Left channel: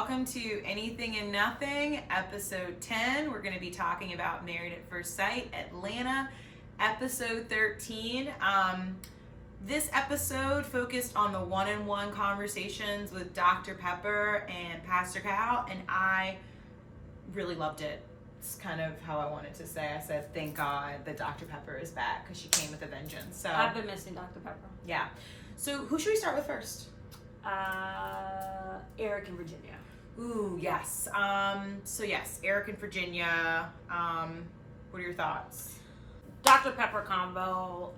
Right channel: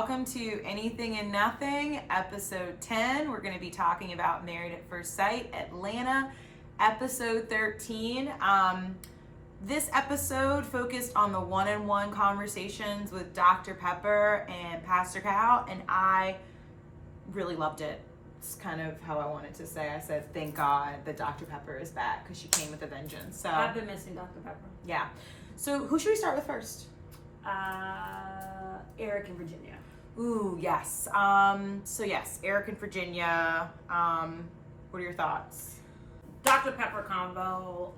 welcome to Anything and Nothing, episode 10. We're going to be talking about Married at First Sight, Atlanta, episode 13. This episode focused on the one-on-one conversations with Dr. Pepper and Pastor Cal, and I really loved it. It's kind of how I wanted to say. I said, thank God that Dr. Pepper is back, because she came with a vengeance. So I've been missing Dr. Pepper. Yeah. So who should we start with first? Eric and Virginia. Ooh, yes. So yes, Eric and Virginia. What are your thoughts? Dr. Pepper combo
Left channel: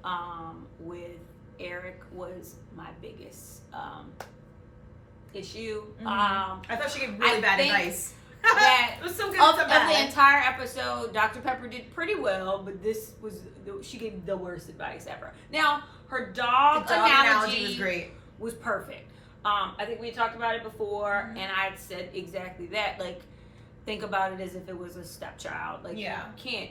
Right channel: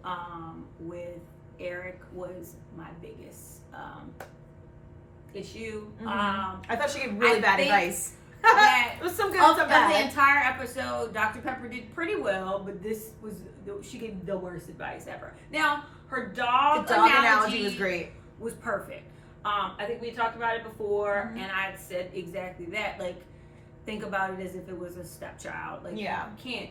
with Eric was my biggest issue. I thought she gave really bad advice. That it was some good, of some bad. the entire episode, Dr. Pepper did pretty well, but she gave the worst advice ever. Now, her dog analogy was great. Was perfect. I think we talked about it before, and I had said exactly that. Like, think about it as if it was a stepchild. Like, you can't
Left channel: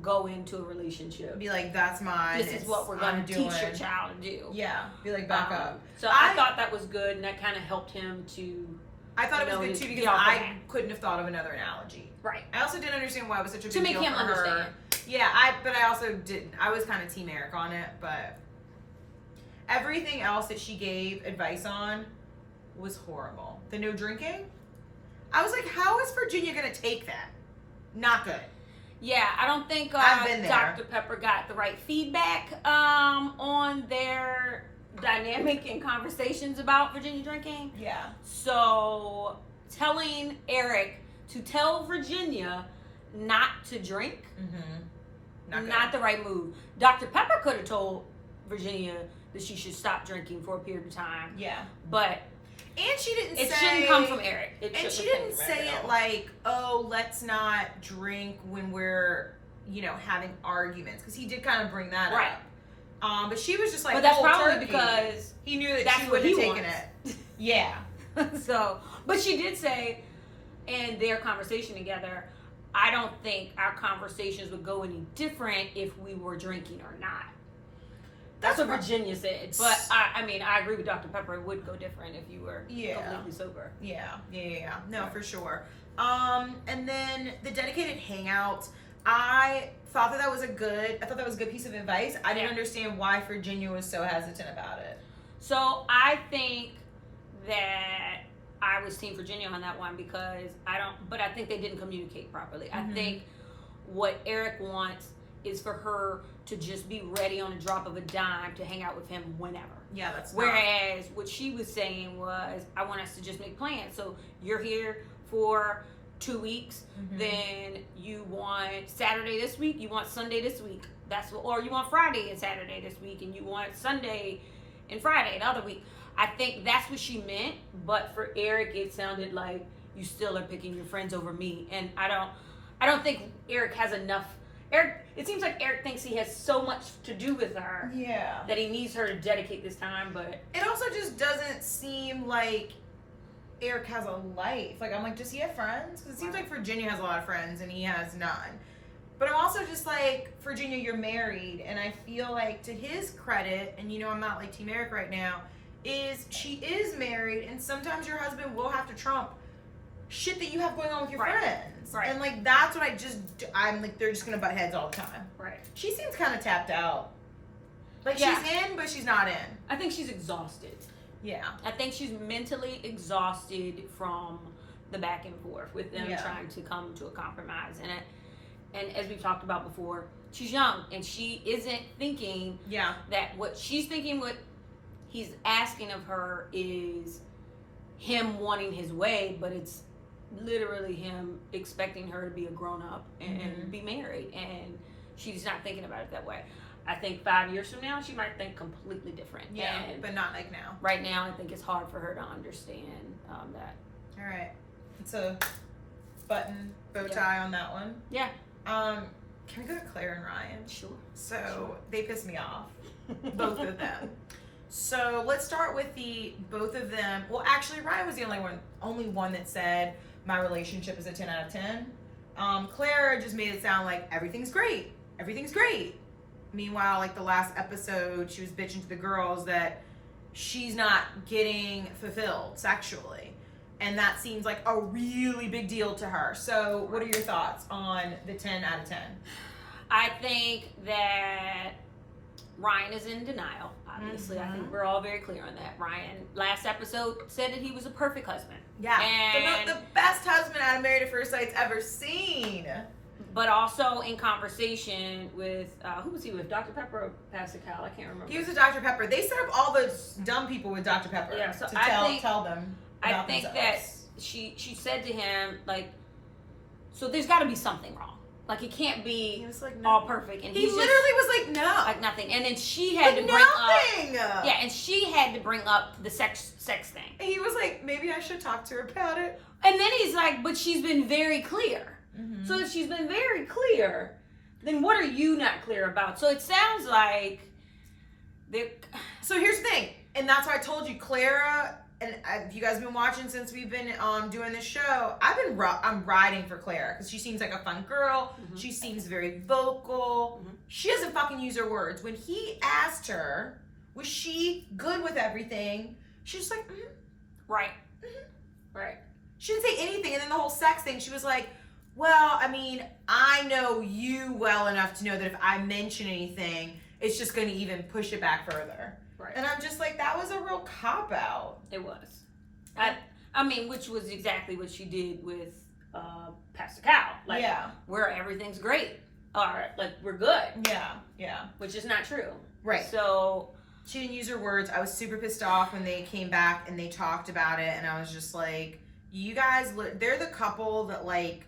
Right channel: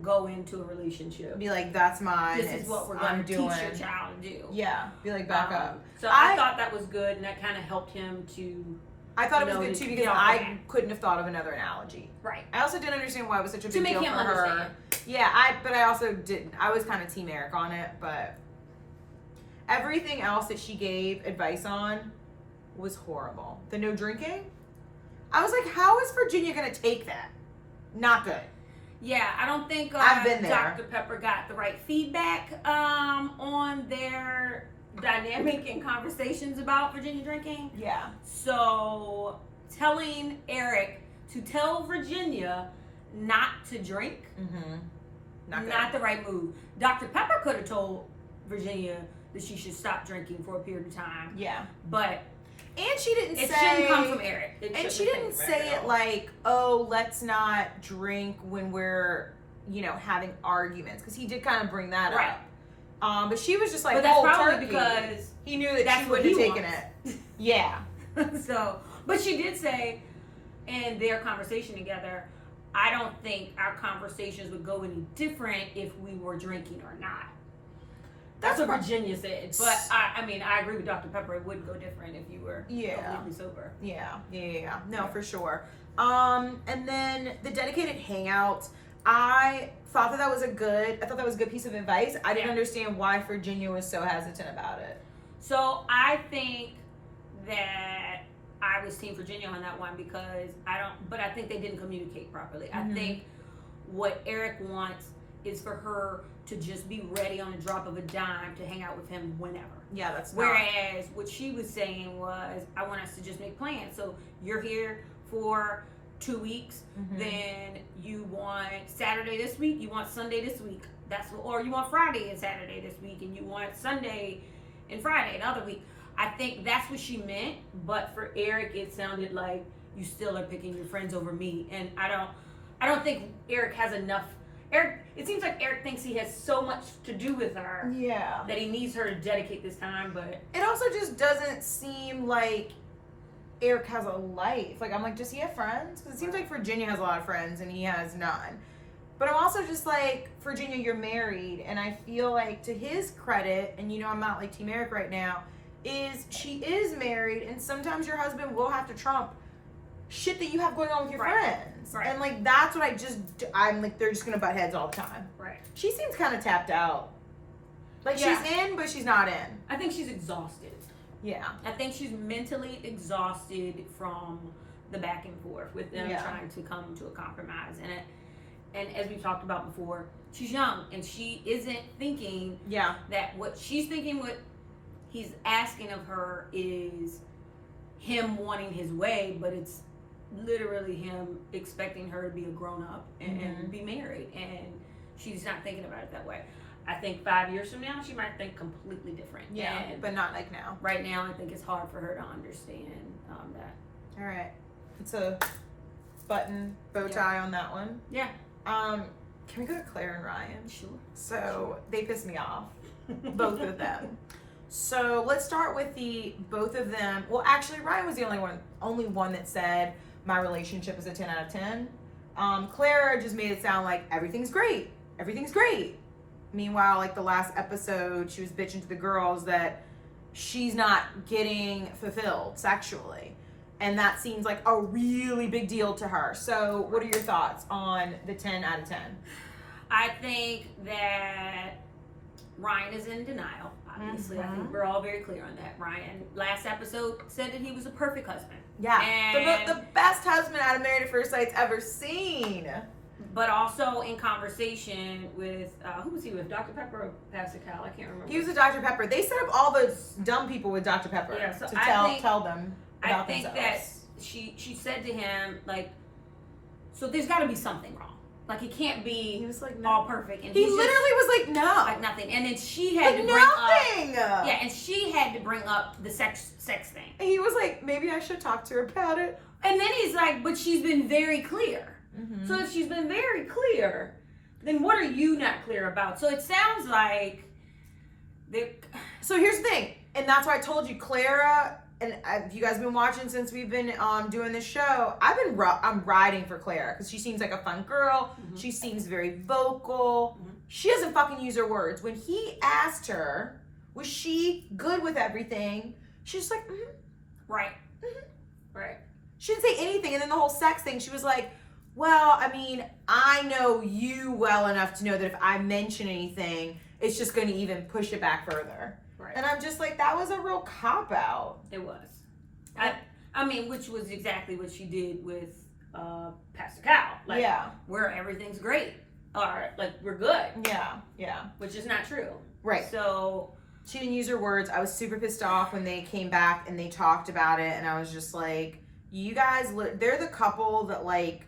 go into a relationship. Be like, that's mine. This is what we're going to teach your child to do. Yeah. Be like, back up. So I thought that was good, and that kind of helped him to. I thought it was good too because I couldn't have thought of another analogy. Right. I also didn't understand why it was such a big deal for her. Understand. Yeah, but I also didn't. I was kind of Team Eric on it, but everything else that she gave advice on was horrible. The no drinking, I was like, how is Virginia going to take that? Not good. Yeah, I don't think I've been there. Dr. Pepper got the right feedback on their dynamic and conversations about Virginia drinking. Yeah. So telling Eric to tell Virginia not to drink, not the right move. Dr. Pepper could have told Virginia that she should stop drinking for a period of time. Yeah. But and she didn't it shouldn't come from Eric. And she didn't say it like, oh, let's not drink when we're, having arguments. Because he did kind of bring that up. But she was just like, but that's probably turkey. Because he knew that she wouldn't have taken it. Yeah. So, but she did say in their conversation together, I don't think our conversations would go any different if we were drinking or not. That's what Virginia said. But I agree with Dr. Pepper. It would go different if you were completely sober. Yeah. No, for sure. And then the dedicated hangouts, I thought that was a good piece of advice. I didn't understand why Virginia was so hesitant about it. So I think that I was Team Virginia on that one because I think they didn't communicate properly. I think what Eric wants is for her to just be ready on the drop of a dime to hang out with him whenever. Yeah, that's Whereas what she was saying was, I want us to just make plans. So you're here for 2 weeks, then you want Saturday this week, you want Sunday this week. Or you want Friday and Saturday this week, and you want Sunday and Friday another week. I think that's what she meant, but for Eric, it sounded like you still are picking your friends over me, and I don't think Eric has enough. It seems like Eric thinks he has so much to do with her, that he needs her to dedicate this time. But it also just doesn't seem like Eric has a life. Like, I'm like, does he have friends? Because it seems like Virginia has a lot of friends and he has none. But I'm also just like, Virginia, you're married, and I feel like to his credit, and I'm not like Team Eric right now, is she is married, and sometimes your husband will have to trump shit that you have going on with your friends. Right. And like, that's what I'm like, they're just gonna butt heads all the time. Right. She seems kind of tapped out. Like, she's in, but she's not in. I think she's exhausted. Yeah. I think she's mentally exhausted from the back and forth with them trying to come to a compromise. And as we've talked about before, she's young, and she isn't thinking that what she's thinking, what he's asking of her is him wanting his way, but it's literally him expecting her to be a grown-up and be married, and she's not thinking about it that way. I think 5 years from now, she might think completely different. Yeah, but not like now. Right now, I think it's hard for her to understand that. All right. It's a button bow tie on that one. Yeah. Can we go to Claire and Ryan? Sure. So they piss me off, both of them. So let's start with both of them. Well, actually, Ryan was the only one that said my relationship is a 10 out of 10. Clara just made it sound like everything's great. Meanwhile, like the last episode, she was bitching to the girls that she's not getting fulfilled sexually. And that seems like a really big deal to her. So what are your thoughts on the 10 out of 10? I think that Ryan is in denial, obviously. I think we're all very clear on that. Ryan, last episode, said that he was a perfect husband. Yeah, And the best husband out of Married at First Sight's ever seen. But also in conversation with, who was he with, Dr. Pepper or Pastor Cal? I can't remember. He was with Dr. Pepper. They set up all the dumb people with Dr. Pepper so to tell them about I think themselves. that she said to him, like, so there's got to be something wrong. Like, it can't be He was like, no. all perfect. And He literally was like, no. like nothing. And then she had to bring nothing. up, yeah, and she had to bring up the sex thing. And he was like, maybe I should talk to her about it. And then he's like, but she's been very clear. So if she's been very clear, then what are you not clear about? So it sounds like So here's the thing, and that's why I told you, Clara, and if you guys been watching since we've been doing this show, I'm riding for Clara because she seems like a fun girl. She seems very vocal. She doesn't fucking use her words. When he asked her, was she good with everything? She's like, right. She didn't say anything, and then the whole sex thing, she was like, well, I mean, I know you well enough to know that if I mention anything, it's just going to even push it back further. Right. And I'm just like, that was a real cop-out. It was. I mean, which was exactly what she did with Pastor Cal. Like, where everything's great. Or, like, we're good. Yeah. Which is not true. Right. So she didn't use her words. I was super pissed off when they came back and they talked about it. And I was just like, you guys, they're the couple that, like,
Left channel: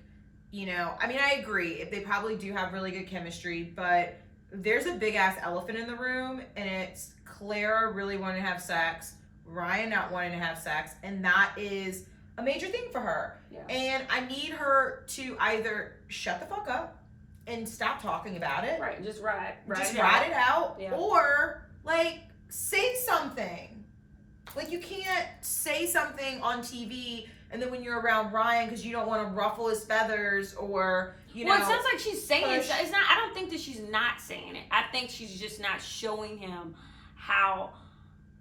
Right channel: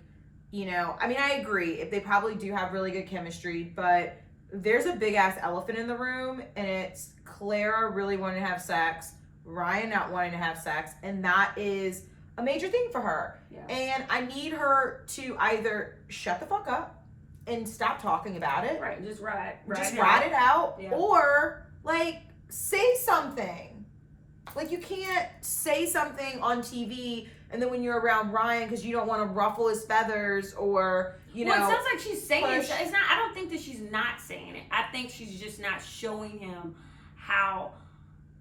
you know, I mean, I agree. They probably do have really good chemistry, but there's a big ass elephant in the room, and it's Clara really wanting to have sex, Ryan not wanting to have sex, and that is a major thing for her. Yeah. And I need her to either shut the fuck up and stop talking about it. Right, just ride it out, yeah. Or like say something. Like you can't say something on TV and then when you're around Ryan because you don't want to ruffle his feathers or you know. Well, it sounds like she's saying it. It's not. I don't think that she's not saying it. I think she's just not showing him how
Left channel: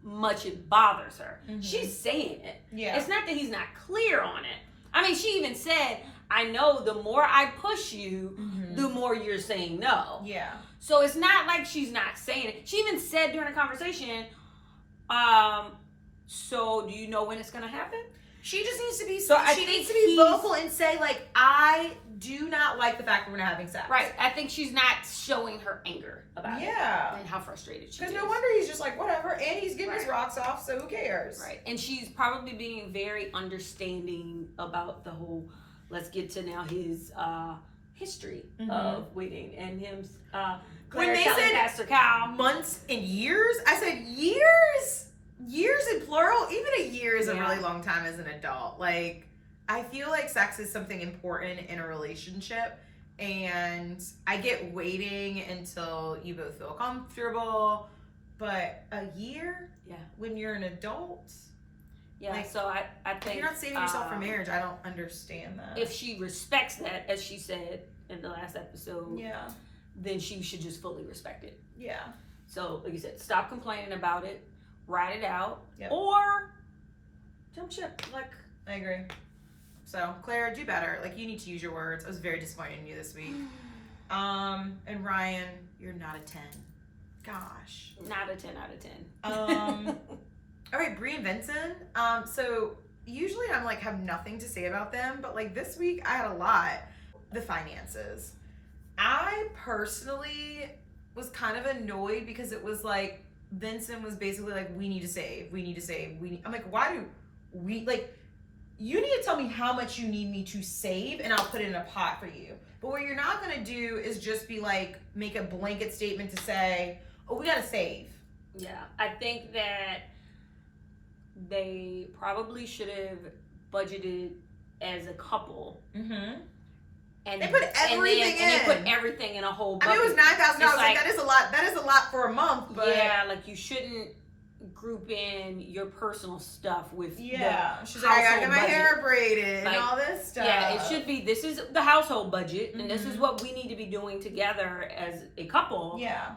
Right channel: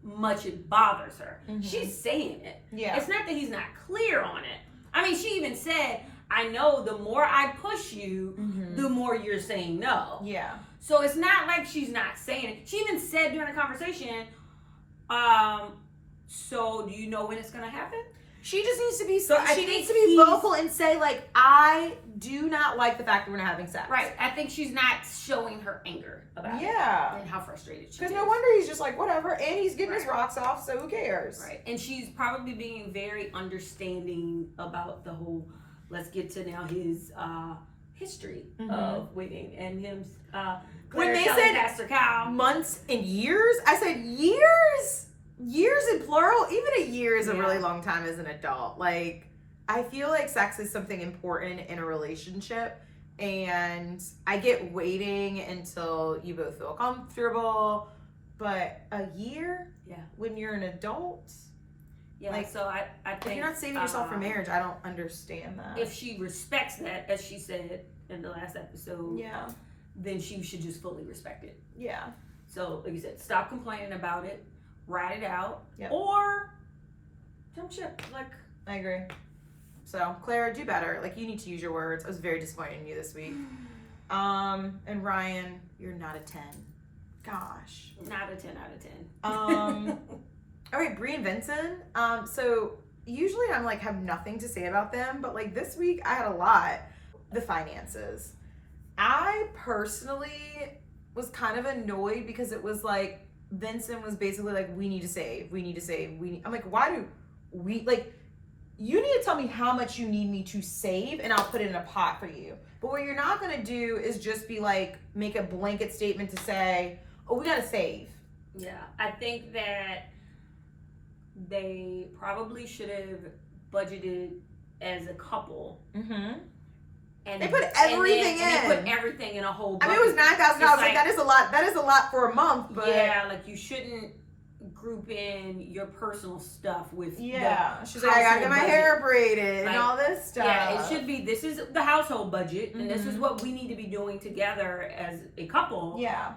much it bothers her. She's saying it. Yeah. It's not that he's not clear on it. I mean, she even said, "I know the more I push you, the more you're saying no." Yeah. So it's not like she's not saying it. She even said during the conversation, "So do you know when it's gonna happen?" She just needs to be she needs to be vocal and say like, I do not like the fact that we're not having sex. Right. I think she's not showing her anger about it. Yeah. And how frustrated she is. Because no wonder he's just like, whatever, and he's getting his rocks off, so who cares? Right. And she's probably being very understanding about the whole, let's get to now his history of waiting and him when they said Pastor Cal months and years, I said years? Years in plural? Even a year is a really long time as an adult. Like, I feel like sex is something important in a relationship, and I get waiting until you both feel comfortable, but a year? Yeah. When you're an adult? Yeah, like, so I think if you're not saving yourself for marriage, I don't understand that. If she respects that, as she said in the last episode, then she should just fully respect it. Yeah. So, like you said, stop complaining about it. Ride it out, yep. Or jump ship. Like, I agree. So, Clara, do better. Like, you need to use your words. I was very disappointed in you this week. And Ryan, you're not a 10. Gosh. Not a 10 out of 10. All right, Bree and Vincent. So usually I'm like have nothing to say about them, but like this week I had a lot. The finances. I personally was kind of annoyed because it was like Vincent was basically like, we need to save. I'm like, why do we, like, you need to tell me how much you need me to save and I'll put it in a pot for you. But what you're not going to do is just be like, make a blanket statement to say, oh, we got to save. Yeah, I think that they probably should have budgeted as a couple. And they put everything in. And they put everything in a whole bucket. I mean, it was $9,000. Like, that is a lot. That is a lot for a month. But yeah, like you shouldn't group in your personal stuff with she's like, I gotta get my hair braided and all this stuff. Yeah, it should be. This is the household budget, and this is what we need to be doing together as a couple. Yeah.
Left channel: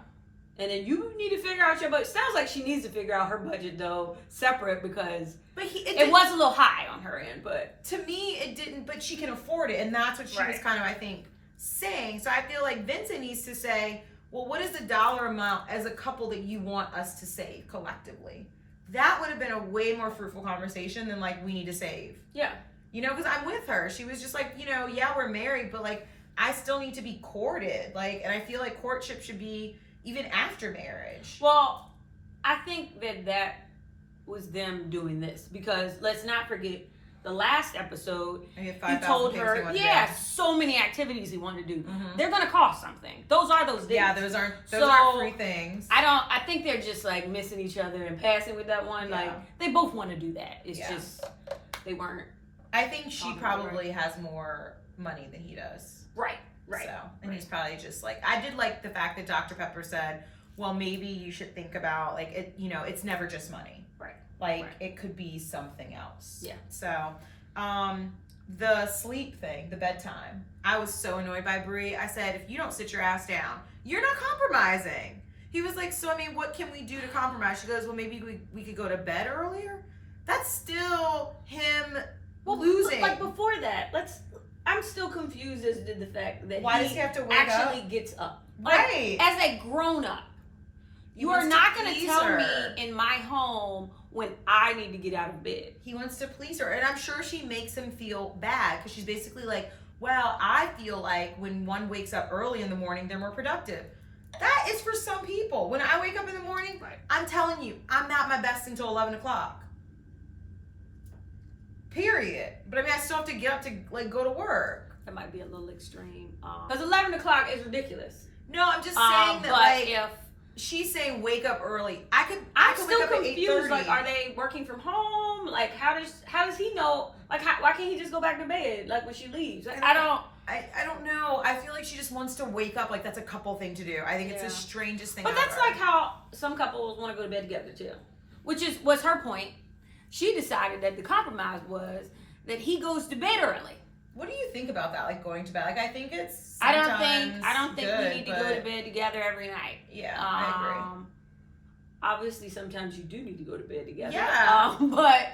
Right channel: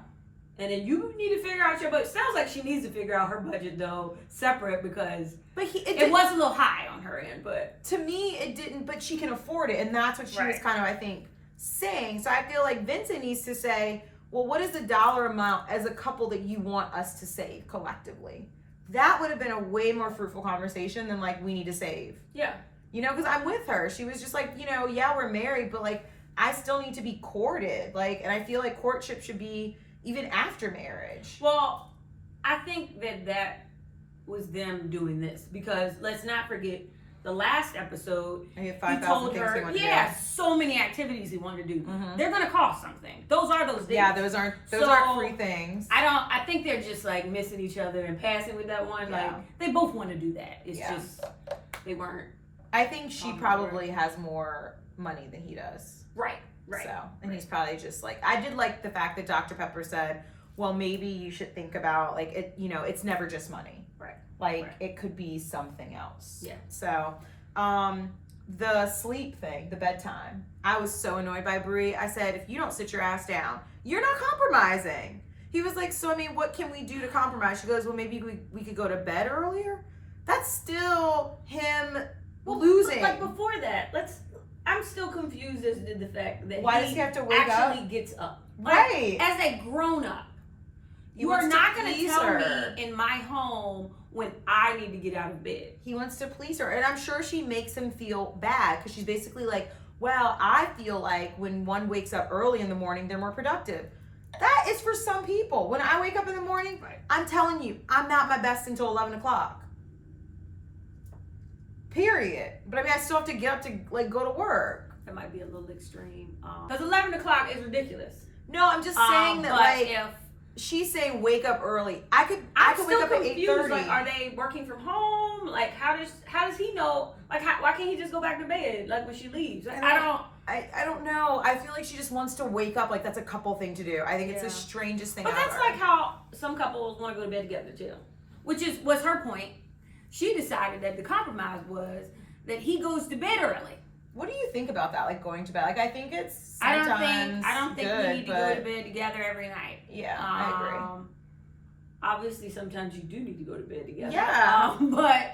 And then you need to figure out your budget. Sounds like she needs to figure out her budget though, separate, because it was a little high on her end. But to me, it didn't. But she can afford it, and that's what she was kind of, I think, saying. So I feel like Vincent needs to say, well, what is the dollar amount as a couple that you want us to save collectively? That would have been a way more fruitful conversation than like, we need to save. Yeah. You know, because I'm with her. She was just like, you know, yeah, we're married, but like, I still need to be courted. Like, and I feel like courtship should be even after marriage. Well, I think that was them doing this, because let's not forget the last episode. He told her, so many activities he wanted to do. Mm-hmm. They're gonna cost something. Those are those dates. Yeah, those aren't free things. I think they're just like missing each other and passing with that one. Yeah. Like they both want to do that. It's just they weren't. I think she probably has more money than he does. Right. So, and he's probably just like, I did like the fact that Dr. Pepper said, well, maybe you should think about like it, you know, it's never just money. Right. Like it could be something else. Yeah. So, the sleep thing, the bedtime, I was so annoyed by Bree. I said, if you don't sit your ass down, you're not compromising. He was like, so I mean, what can we do to compromise? She goes, well, maybe we could go to bed earlier. That's still him losing. Like before that, I'm still confused as to the fact that why does he have to wake actually gets up. Right. As a grown up. You are not going to tell me in my home when I need to get out of bed. He wants to please her. And I'm sure she makes him feel bad, because she's basically like, well, I feel like when one wakes up early in the morning, they're more productive. That is for some people. When I wake up in the morning, I'm telling you, I'm not my best until 11 o'clock. Period. But I mean, I still have to get up to like go to work. That might be a little extreme. Because 11 o'clock is ridiculous. No, I'm just saying that like if she's saying wake up early, I could wake up at 8:30. Like, are they working from home? Like, how does he know? Like, why can't he just go back to bed like when she leaves? Like, I don't know. I feel like she just wants to wake up. Like that's a couple thing to do. I think it's the strangest thing. But that's like how some couples want to go to bed together too, which was her point. She decided that the compromise was that he goes to bed early. What do you think about that? Like going to bed? Like I think it's I don't think we need to go to bed together every night. Yeah, I agree. Obviously, sometimes you do need to go to bed together. Yeah, but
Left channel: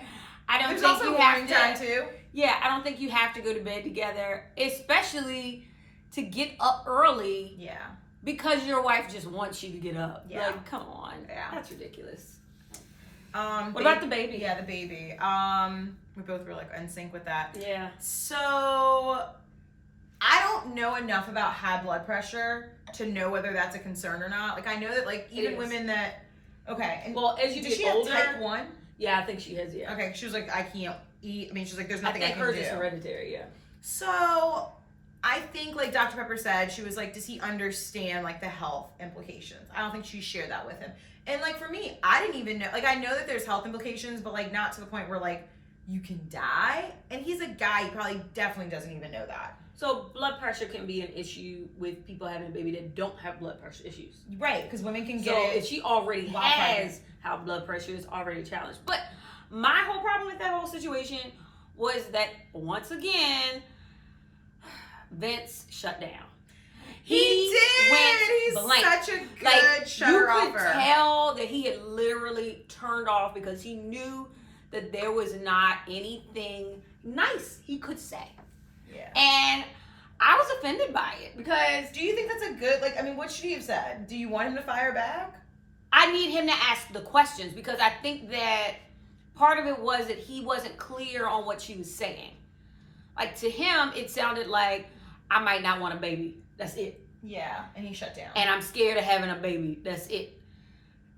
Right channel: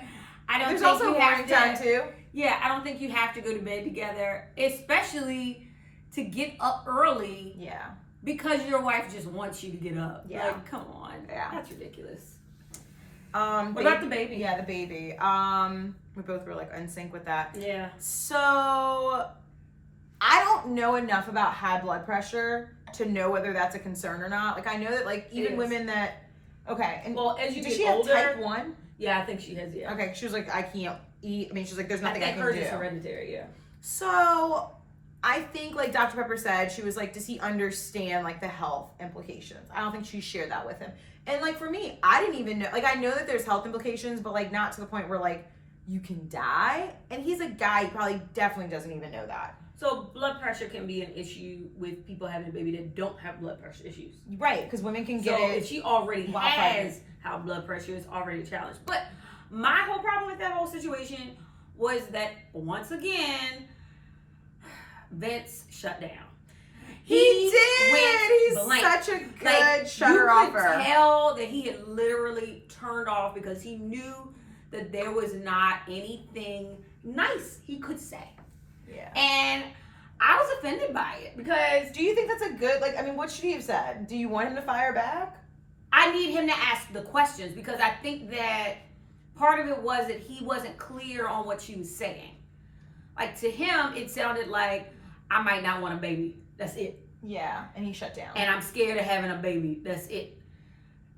I don't. There's think also you morning have time too. Yeah, I don't think you have to go to bed together, especially to get up early. Yeah, because your wife just wants you to get up. Yeah, like, come on. Yeah, that's ridiculous. What about the baby? Yeah, the baby. We both were like in sync with that. Yeah. So I don't know enough about high blood pressure to know whether that's a concern or not. Like I know that like even women that and well, as you does get she older, have type 1? Yeah, I think she has. Yeah. Okay, she was like, I can't eat. I mean, she's like, there's nothing I can hers do. Is hereditary. Yeah. So I think like Dr. Pepper said, she was like, does he understand like the health implications? I don't think she shared that with him. And like for me, I didn't even know, like I know that there's health implications, but like not to the point where like you can die. And he's a guy, he probably definitely doesn't even know that. So blood pressure can be an issue with people having a baby that don't have blood pressure issues. Right, because women can get it. If she already has high blood pressure, is already challenged. But my whole problem with that whole situation was that once again, Vince shut down. He did. He's blank. Such a good shutter offer. You could tell that he had literally turned off because he knew that there was not anything nice he could say. Yeah. And I was offended by it because... Do you think that's a good, like, I mean, what should he have said? Do you want him to fire back? I need him to ask the questions because I think that part of it was that he wasn't clear on what she was saying. Like, to him, it sounded like, I might not want a baby. That's it. Yeah, and he shut down. And I'm scared of having a baby. That's it.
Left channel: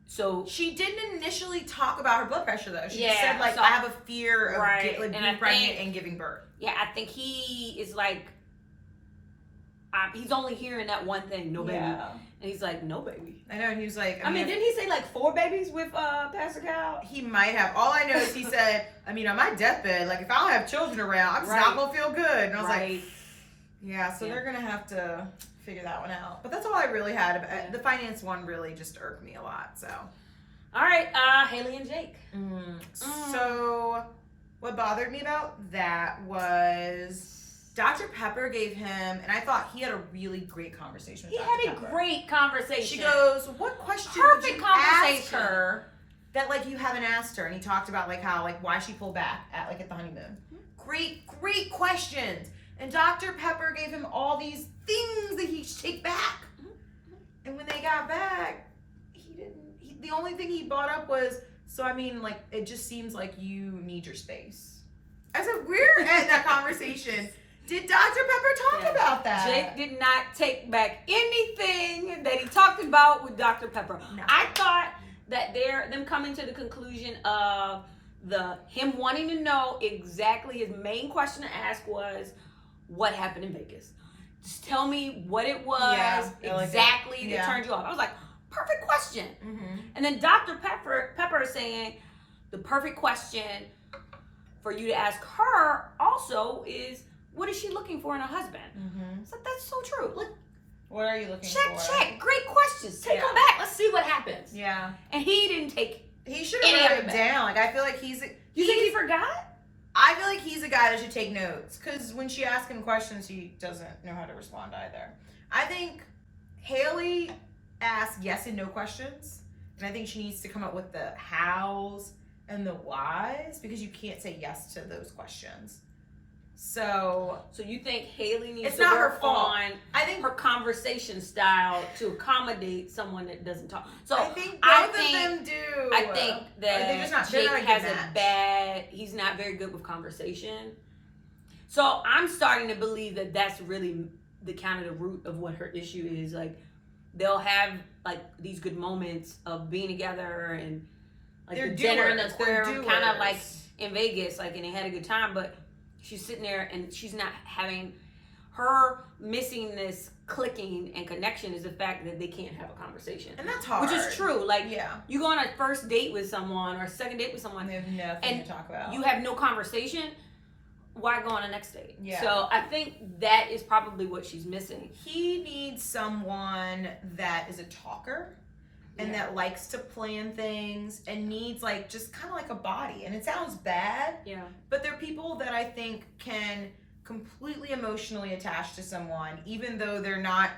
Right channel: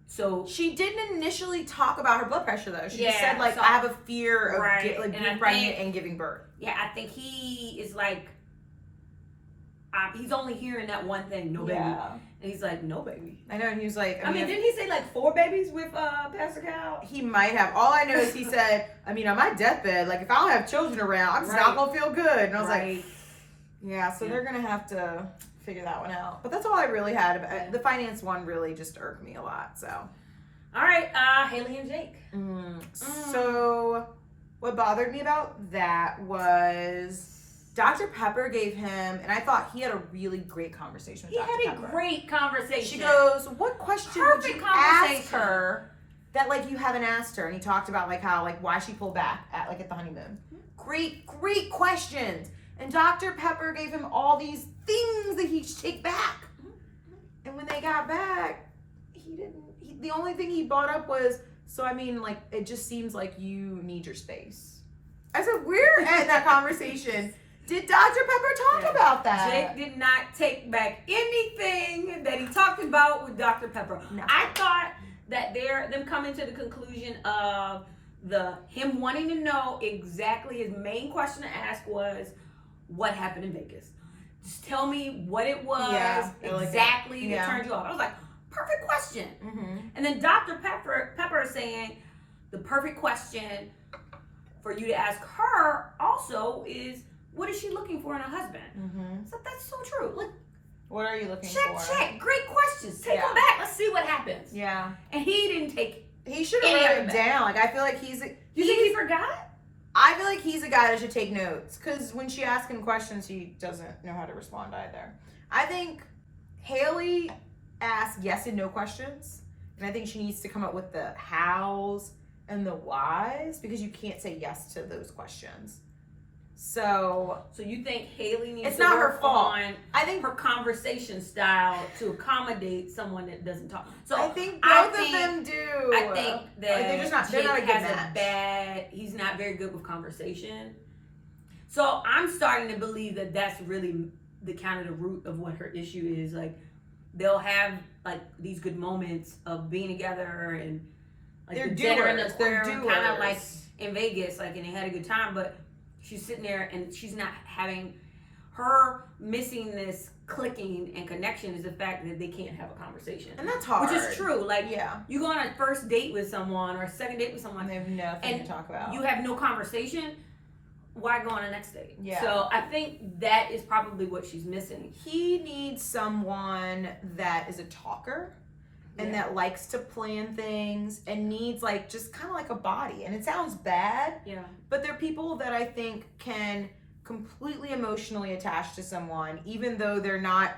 So she didn't initially talk about her blood pressure though. She just said like, I have a fear of being pregnant and giving birth. Yeah, I think he is like, he's only hearing that one thing, no baby. And he's like, no baby. I know, and he was like, I mean, didn't he say like 4 babies with Pastor Cal? He might have. All I know is he said, I mean, on my deathbed, like if I don't have children around, I'm just not gonna feel good. And I was like, yeah, so they're gonna have to figure that one out. But that's all I really had. About the finance one really just irked me a lot. So, all right, Haley and Jake. So, what bothered me about that was Dr. Pepper gave him, and I thought he had a really great conversation with Dr. Pepper. He had a great conversation. She goes, what question would you ask her that like you haven't asked her? And he talked about like how like why she pulled back at like at the honeymoon. Great questions. And Dr. Pepper gave him all these things that he should take back. And when they got back, the only thing he brought up was, so I mean, like, it just seems like you need your space. I said, where at that conversation did Dr. Pepper talk about that? Jake did not take back anything that he talked about with Dr. Pepper. No. I thought that them coming to the conclusion of him wanting to know exactly, his main question to ask was, what happened in Vegas? Just tell me what it was exactly that turned you off. I was like, perfect question. Mm-hmm. And then Dr. Pepper is saying the perfect question for you to ask her also is, what is she looking for in a husband? Mm-hmm. So that's so true. Look, what are you looking for? Check. Great questions. Take them back. Let's see what happens. Yeah. And he didn't take. He should have wrote it down. Like I feel like You think he forgot? I feel like he's a guy that should take notes because when she asks him questions, he doesn't know how to respond either. I think Haley asked yes and no questions, and I think she needs to come up with the hows and the whys because you can't say yes to those questions. So you think Haley needs it's to not work her fault. On her conversation style to accommodate someone that doesn't talk. So I think both of them do. I think that they're not Jake a good has match. He's not very good with conversation. So I'm starting to believe that that's really the kind of the root of what her issue is. Like they'll have like these good moments of being together and like they're the dinner in the They're aquarium, kind of like in Vegas, like, and they had a good time, but she's sitting there and she's not having her missing this clicking and connection is the fact that they can't have a conversation. And that's hard. Which is true. Like, yeah, you go on a first date with someone or a second date with someone. They have nothing to talk about. You have no conversation. Why go on a next date? Yeah. So I think that is probably what she's missing. He needs someone that is a talker and that likes to plan things and needs like just kind of like a body. And it sounds bad. Yeah. But they're people that I think can completely emotionally attach to someone, even though they're not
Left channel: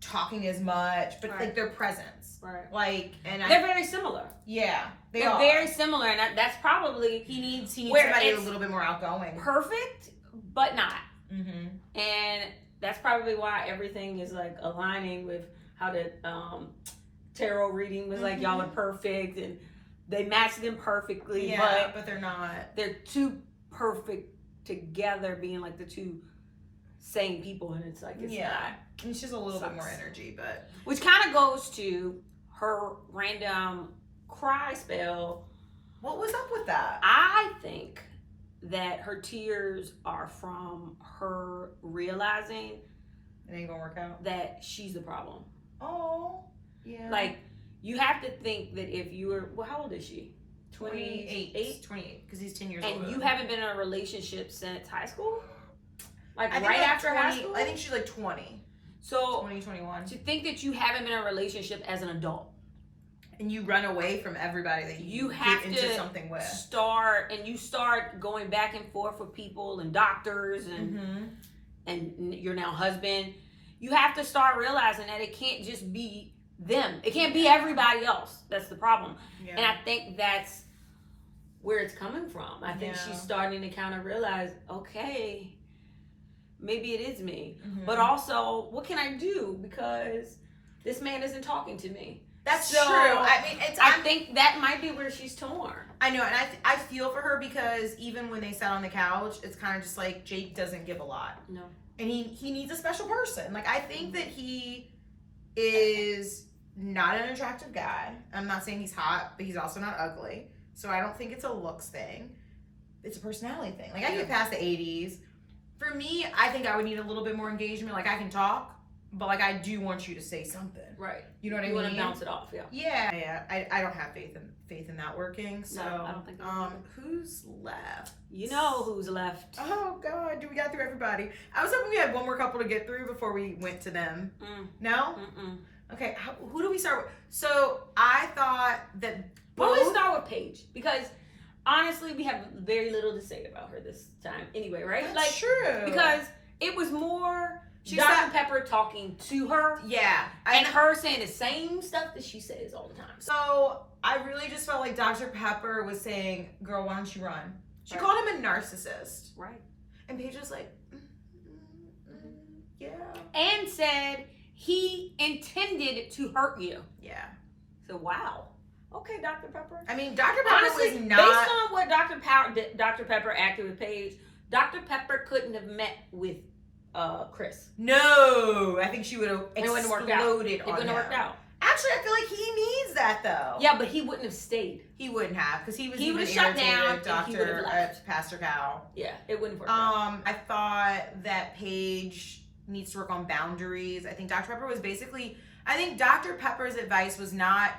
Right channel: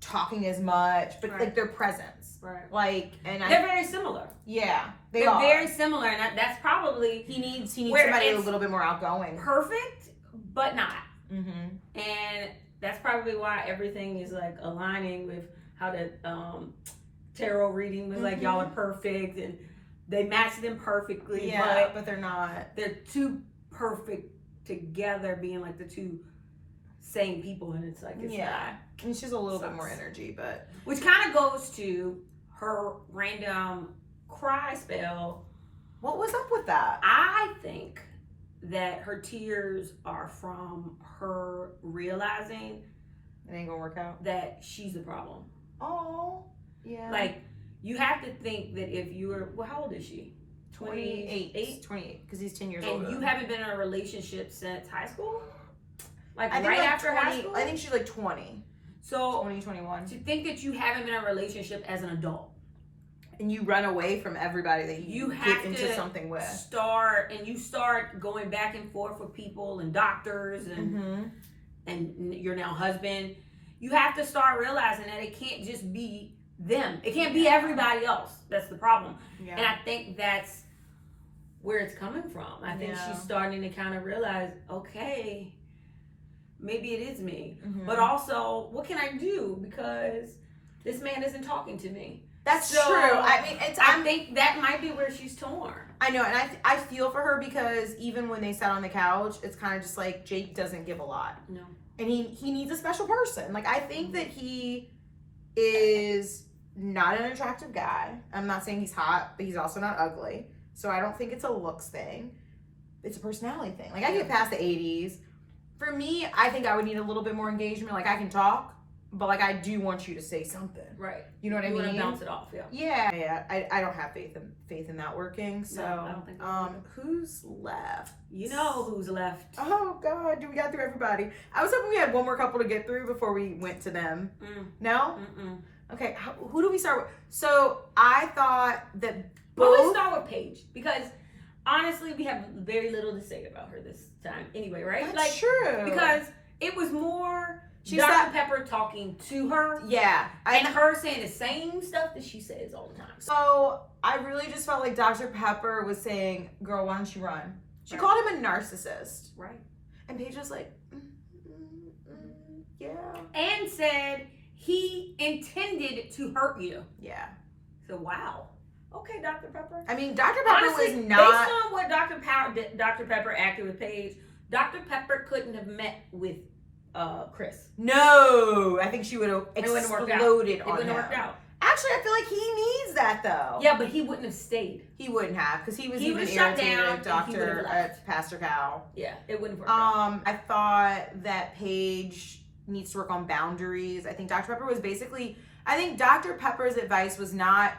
talking as much, but like their presence. Right. Like, and they're very similar. Yeah. They're very similar. And that's probably, he needs somebody a little bit more outgoing. Perfect, but not. Mm-hmm. And that's probably why everything is like aligning with how the tarot reading was like, y'all are perfect and they match them perfectly. Yeah, but they're not. They're too perfect together, being like the two same people, and it's like, it's not. And she's a little bit more energy, but. Which kind of goes to her random cry spell. What was up with that? I think that her tears are from her realizing it ain't gonna work out, that she's the problem. Oh, yeah. Like, you have to think that if you were, well, how old is she? 28, because he's 10 years old. And you haven't been in a relationship since high school? Like, I think right like after 20, high school? I think she's like 20. So 2021. To think that you haven't been in a relationship as an adult, and you run away from everybody that you have get into something with, start going back and forth with people and doctors and and your now husband. You have to start realizing that it can't just be them. It can't be everybody else. That's the problem. Yeah. And I think that's where it's coming from. I think she's starting to kind of realize, okay, maybe it is me. But also, what can I do? Because this man isn't talking to me. That's true. I mean, I think that might be where she's torn. I know, and I feel for her because even when they sat on the couch, it's kind of just like Jake doesn't give a lot. No. And he needs a special person. Like, I think that he is not an attractive guy. I'm not saying he's hot, but he's also not ugly. So I don't think it's a looks thing. It's a personality thing. Like, I get past the 80s. For me, I think I would need a little bit more engagement. Like, I can talk, but like, I do want you to say something. Right. You know what I mean? You want to bounce it off, Yeah. I don't have faith in that working. So, no, I don't think who's left? You know who's left. Oh God, we got through everybody. I was hoping we had one more couple to get through before we went to them. No? Okay, who do we start with? So I thought that both. We'll start with Paige because honestly, we have very little to say about her this time. Anyway, right? That's true. Because it was more She Dr. said- Pepper talking to her. Yeah. And her saying the same stuff that she says all the time. So I really just felt like Dr. Pepper was saying, girl, why don't you run? She called him a narcissist. Right. And Paige was like, yeah. And said he intended to hurt you. Yeah. So, wow. Okay, Dr. Pepper. I mean, Dr. Pepper Honestly, was not. based on what Dr. Pepper acted with Paige, Dr. Pepper couldn't have met with Chris. No, I think she would have It wouldn't have worked out. exploded It on wouldn't him. have worked out. Actually, I feel like he needs that though. Yeah, but he wouldn't have stayed. He wouldn't have, because he was He even would've shut irritated down at and he Dr. would've left. Pastor Cal. Yeah, it wouldn't have worked out. I thought that Paige needs to work on boundaries. I think Dr. Pepper was basically, I think Dr. Pepper's advice was not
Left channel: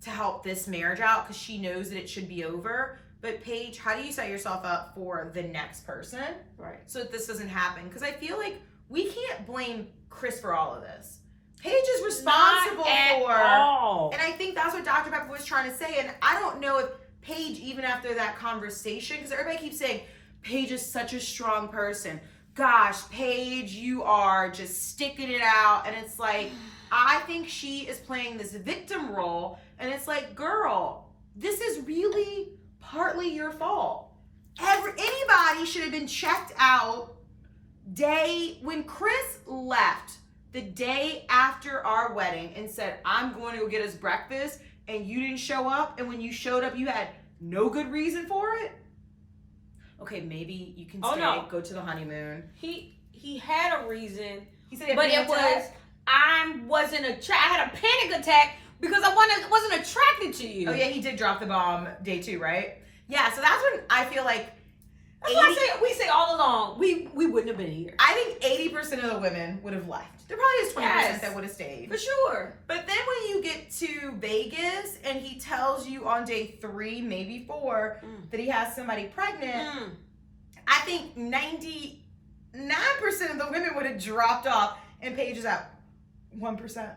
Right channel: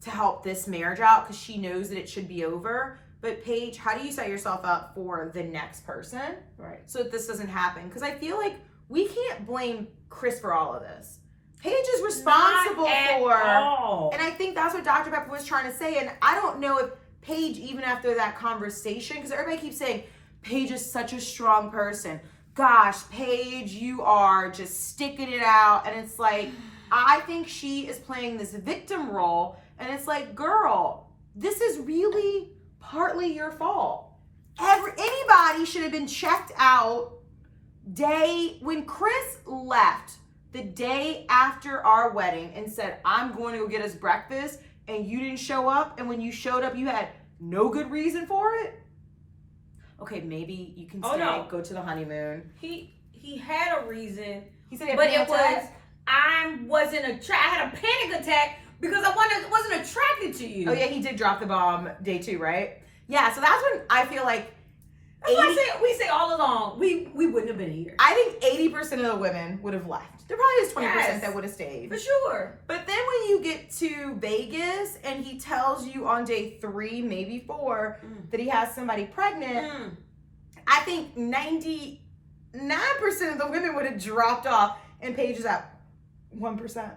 to help this marriage out because she knows that it should be over. But Paige, how do you set yourself up for the next person? Right. So that this doesn't happen? Because I feel like we can't blame Chris for all of this. Paige is responsible for, and I think that's what Dr. Pepper was trying to say. And I don't know if Paige, even after that conversation, because everybody keeps saying, Paige is such a strong person. Gosh, Paige, you are just sticking it out. And it's like, I think she is playing this victim role. And it's like, girl, this is really partly your fault. Anybody should have been checked out when Chris left the day after our wedding and said, I'm going to go get us breakfast, and you didn't show up, and when you showed up, you had no good reason for it. Okay, maybe you can stay, go to the honeymoon. He had a reason, He said, but it was, I had a panic attack because I wasn't attracted to you. Oh yeah, he did drop the bomb day 2, right? Yeah, so that's when I feel like that's why we say all along, we wouldn't have been here. I think 80% of the women would have left. There probably is 20% that would have stayed. For sure. But then when you get to Vegas and he tells you on day 3, maybe 4, that he has somebody pregnant, I think 99% of the women would have dropped off, and Paige is at 1%.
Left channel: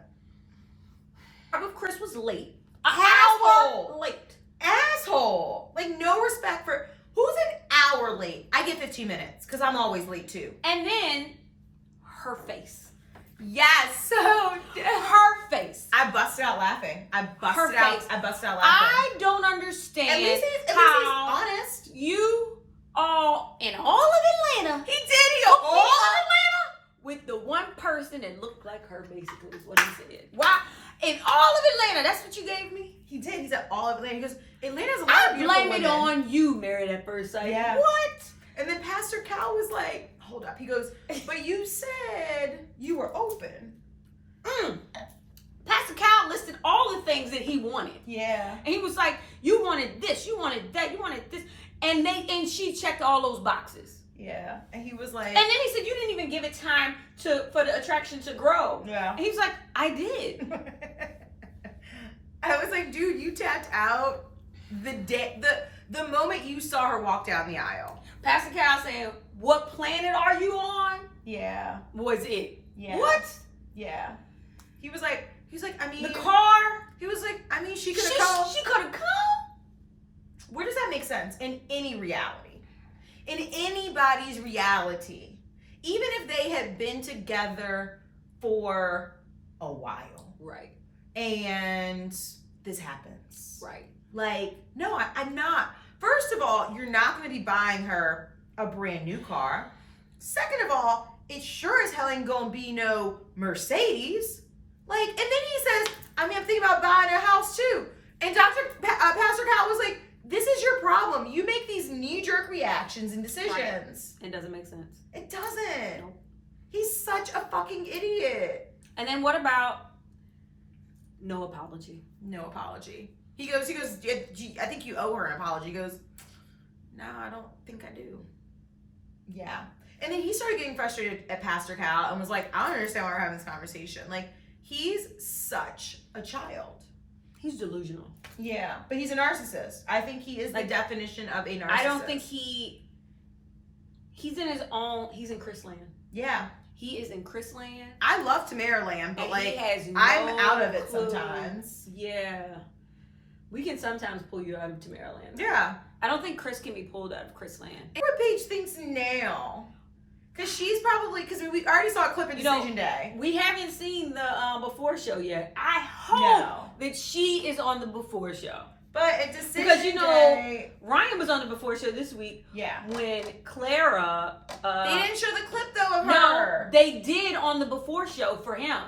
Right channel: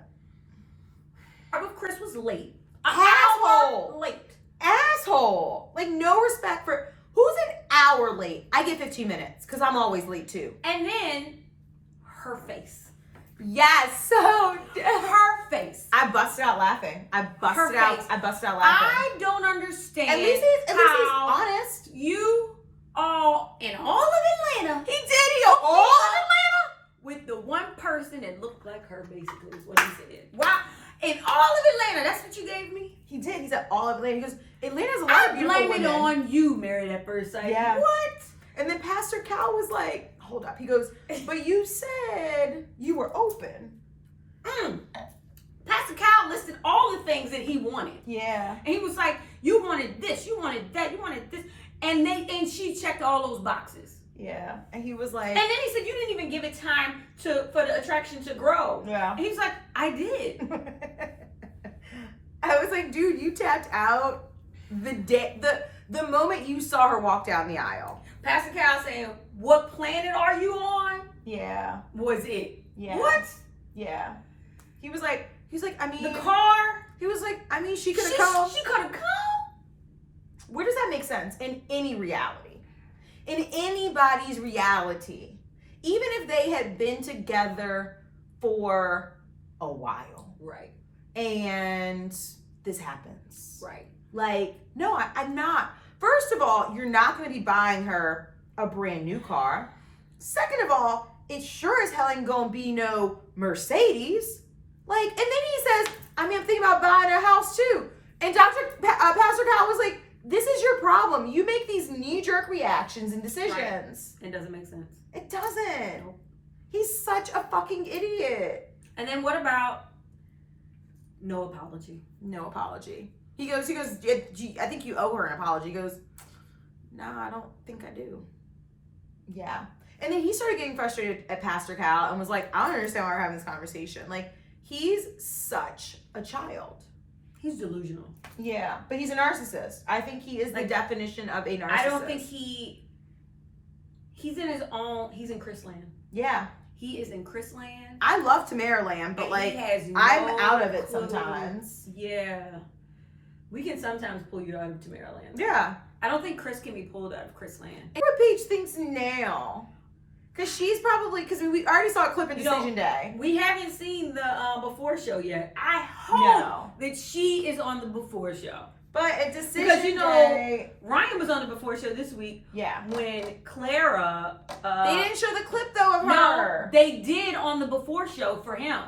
If Chris was late. Asshole. Late. Asshole. Like, no respect for... Who's an hour late? I get 15 minutes because I'm always late too. And then her face. Yes, so her face. I busted out laughing. I busted out laughing. I don't understand. At least he's honest. You all in all of Atlanta. He did. He all of Atlanta with the one person that looked like her. Basically, is what he said. Why? In all of Atlanta, that's what you gave me? He did. He said all of Atlanta. He goes, Atlanta's a lot of beautiful women. I blame it on you, Married at First Sight. Yeah. What? And then Pastor Cal was like, hold up. He goes, but you said you were open. Pastor Cal listed all the things that he wanted. Yeah. And he was like, you wanted this, you wanted that, you wanted this. And she checked all those boxes. Yeah. And he was like... And then he said, you didn't even give it time for the attraction to grow. Yeah. And he was like, I did. I was like, dude, you tapped out the moment you saw her walk down the aisle. Pastor Cal saying, what planet are you on? Yeah. Was it? Yeah. What? Yeah. He was like, I mean... The car? He was like, I mean, she could have come. She could have come? Where does that make sense? In any reality. In anybody's reality. Even if they had been together for a while. Right. And this happens. Right. Like, no, I'm not. First of all, you're not going to be buying her a brand new car. Second of all, it sure as hell ain't going to be no Mercedes. Like, and then he says, I mean, I'm thinking about buying a house too. And Pastor Cal was like, this is your problem. You make these knee-jerk reactions and decisions. Right. It doesn't make sense. It doesn't. Nope. He's such a fucking idiot. And then what about no apology? No apology. He goes, I think you owe her an apology. He goes, nah, I don't think I do. Yeah. And then he started getting frustrated at Pastor Cal and was like, I don't understand why we're having this conversation. Like, he's such a child. He's delusional. Yeah, but he's a narcissist. I think he is the definition of a narcissist. I don't think he's in his own, he's in Chris land. Yeah. He is in Chris land. I love Tamaraland, but like, no I'm out of it clue. sometimes. Yeah. We can sometimes pull you out of Tamaraland. Yeah. I don't think Chris can be pulled out of Chris land. What Paige thinks now Because she's probably, because we already saw a clip in Decision Day. We haven't seen the before show yet. I hope that she is on the before show. But at Decision because Day, Ryan was on the before show this week. Yeah. When Clara, they didn't show the clip though of her. No, they did on the before show for him.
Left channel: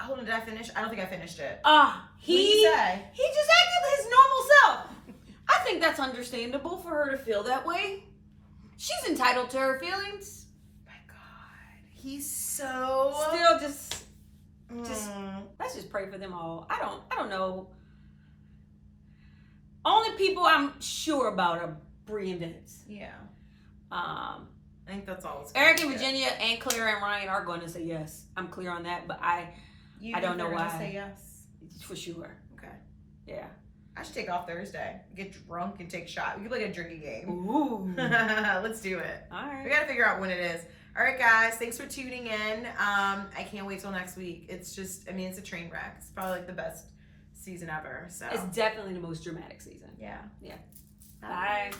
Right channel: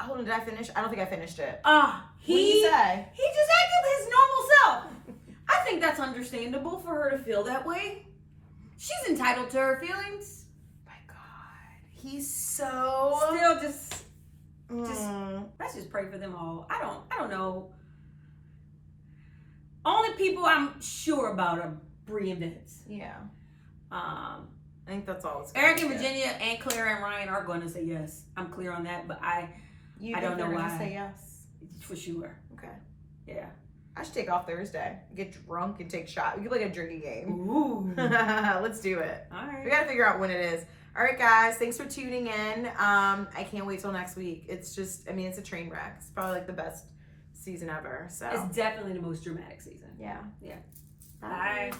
Hold on, did I finish? I don't think I finished it. What did he say? He just acted his normal self. I think that's understandable for her to feel that way. She's entitled to her feelings. My God, he's so still just. Let's just pray for them all. I don't know. Only people I'm sure about are Bree and Vince. Yeah. I think that's all. Eric and Virginia and Claire and Ryan are going to say yes. I'm clear on that, but I don't know why. Say yes for sure. Okay. Yeah. I should take off Thursday. Get drunk and take shots. We could play a drinking game. Ooh. Let's do it. All right. We got to figure out when it is. All right, guys. Thanks for tuning in. I can't wait till next week. It's just, it's a train wreck. It's probably like the best season ever. So it's definitely the most dramatic season. Yeah. Yeah. Bye.